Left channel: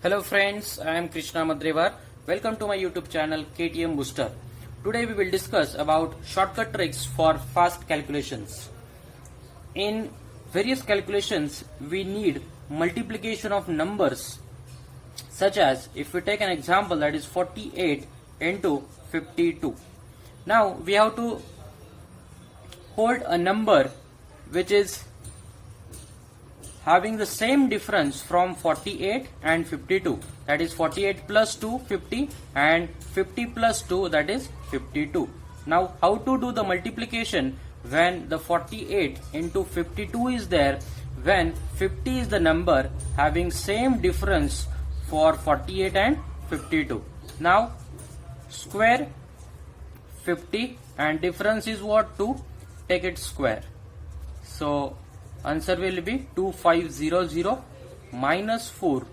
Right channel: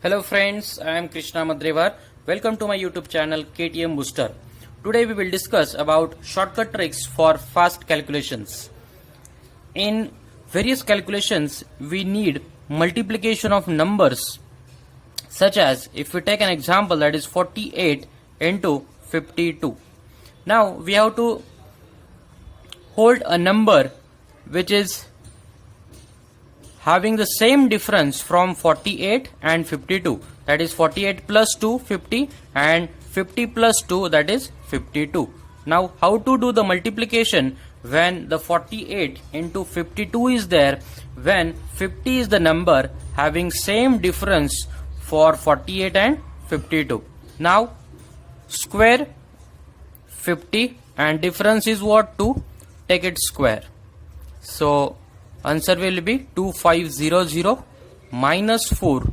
Hello friends, I am Krishna Madrevar. Welcome to my YouTube channel KTM Booster. Today we will discuss about shortcut tricks for fast calculations. In various calculations we need multiplication of numbers, such as if we take an example, that is 48 into 52. Now we have to hold a number which is having the same difference from 48 and 52, that is 48 plus 2 50 and 50 plus 2, that is 52. Now how to do the multiplication when the 48 into 52 is there, when 50 is the number having same difference for 48 and 52. Now square 50 and difference is what? 2, take it square. So answer will be 2500 minus 4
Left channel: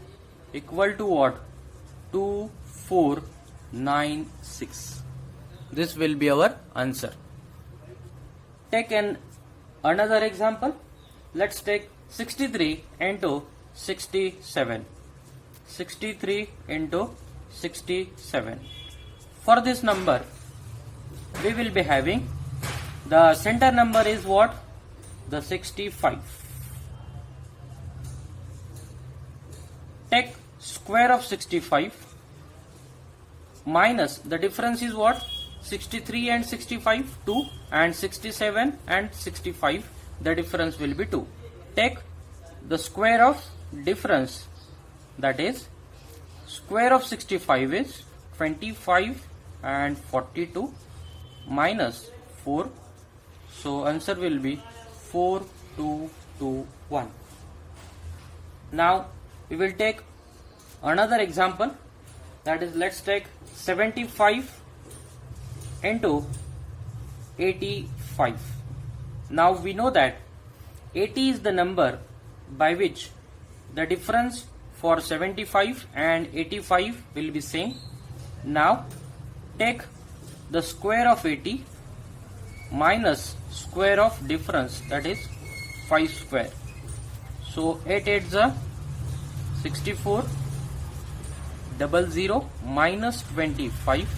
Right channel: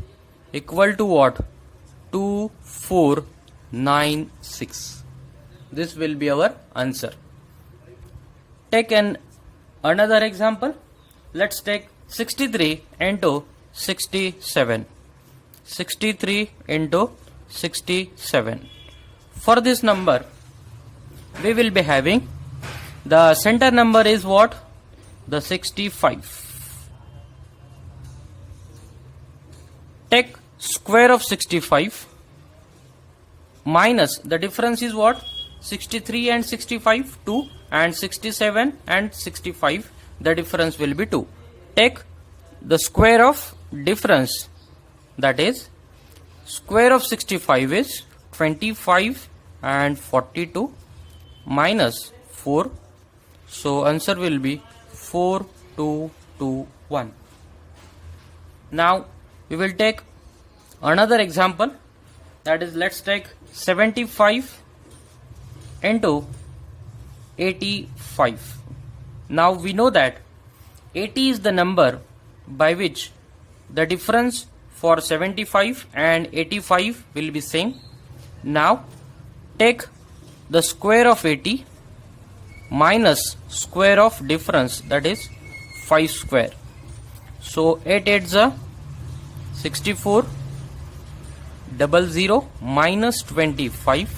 equal to what? 2496. This will be our answer. Take another example. Let's take 63 into 67. 63 into 67. For this number we will be having the center number is what? The 65. Take square of 65 minus the difference is what? 63 and 65, 2, and 67 and 65, the difference will be 2. Take the square of difference, that is square of 65 is 25 and 42 minus 4. So answer will be 4221. Now we will take another example, that is let's take 75 into 85. Now we know that 80 is the number by which the difference for 75 and 85 will be same. Now take the square of 80 minus square of difference, that is 5 square. So 8 8s are 64, 00 minus 25.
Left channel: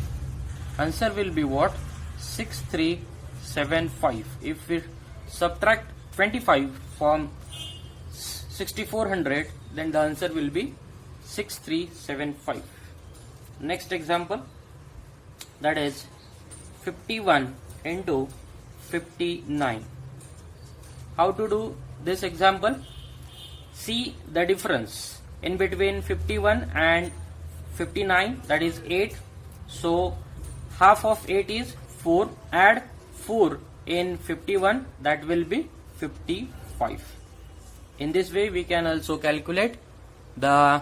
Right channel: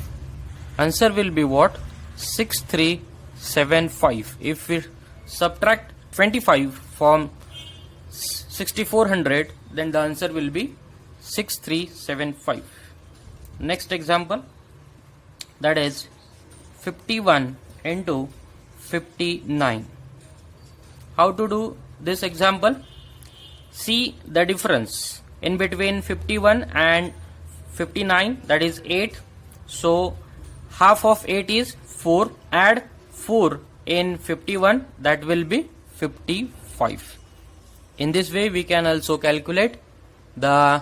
Answer will be what? 6375. If we subtract 25 from 6400, then the answer will be 6375. Next example, that is 51 into 59. How to do this example? See the difference in between 51 and 59, that is 8. So half of 8 is 4. Add 4 in 51, that will be 55. In this way we can also calculate the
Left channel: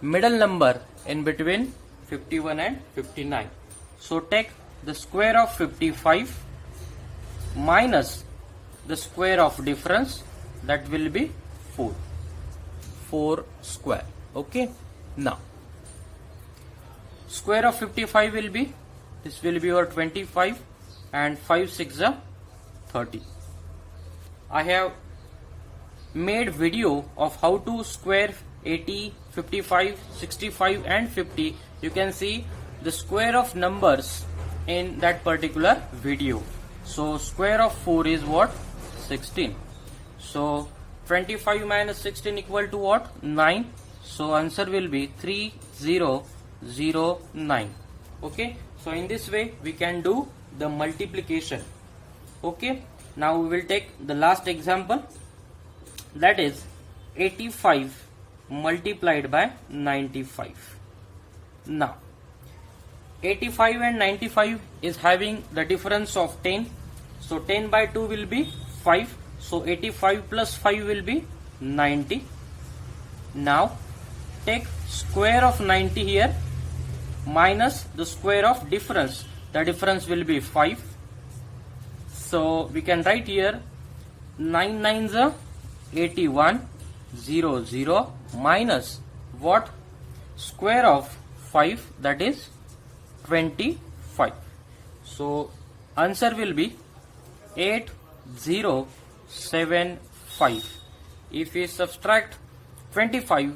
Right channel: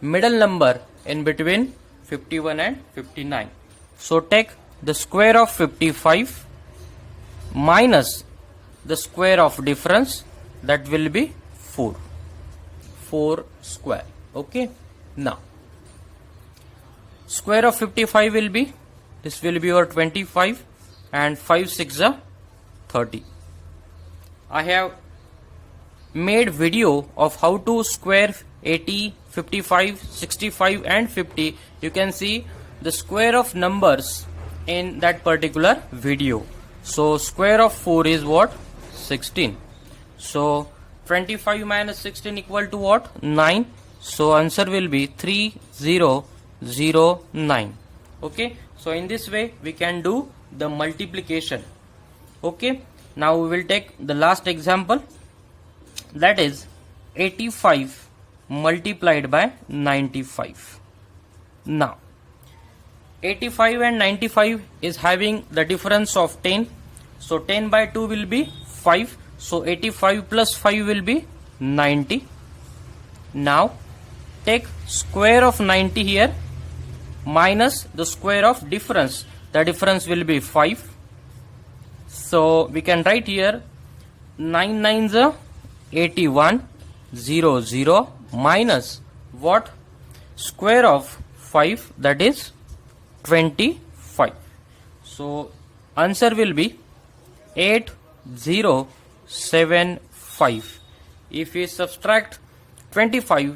middle number in between 51 and 59. So take the square of 55 minus the square of difference, that will be 4 square. Okay, now square of 55 will be, this will be your 25 and 5 6 are 30. I have made video of how to square 80, 55, 65 and 50. You can see the square of numbers in that particular video. So square of 4 is what? 16. So 25 minus 16 equal to what? 9. So answer will be 3009. Okay, so in this way we can do the multiplication. Okay, now we will take the last example, that is 85 multiplied by 95. Now 85 and 95 is having the difference of 10. So 10 by 2 will be 5. So 85 plus 5 will be 90. Now take square of 90 here minus the square of difference. The difference will be 5. So we can write here 9 9s are 81, 00 minus what? Square of 5, that is 25. So answer will be 8075. If we subtract 25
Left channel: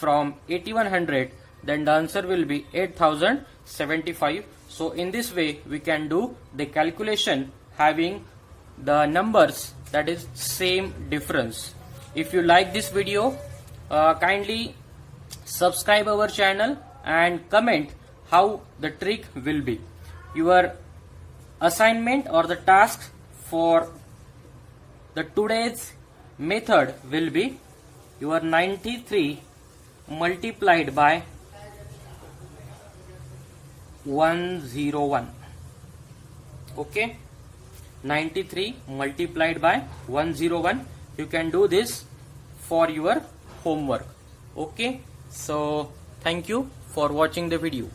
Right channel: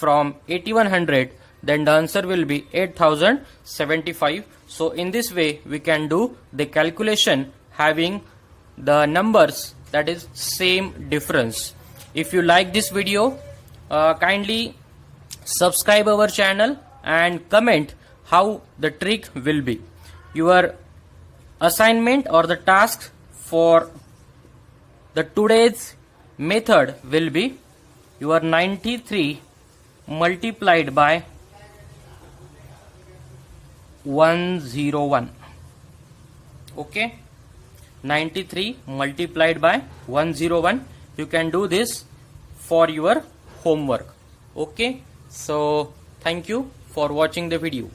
from 8100, then the answer will be 8075. So in this way we can do the calculation having the numbers that is same difference. If you like this video, kindly subscribe our channel and comment how the trick will be. Your assignment or the task for the today's method will be your 93 multiplied by 101. Okay, 93 multiplied by 101. You can do this for your homework. Okay, so thank you for watching the video.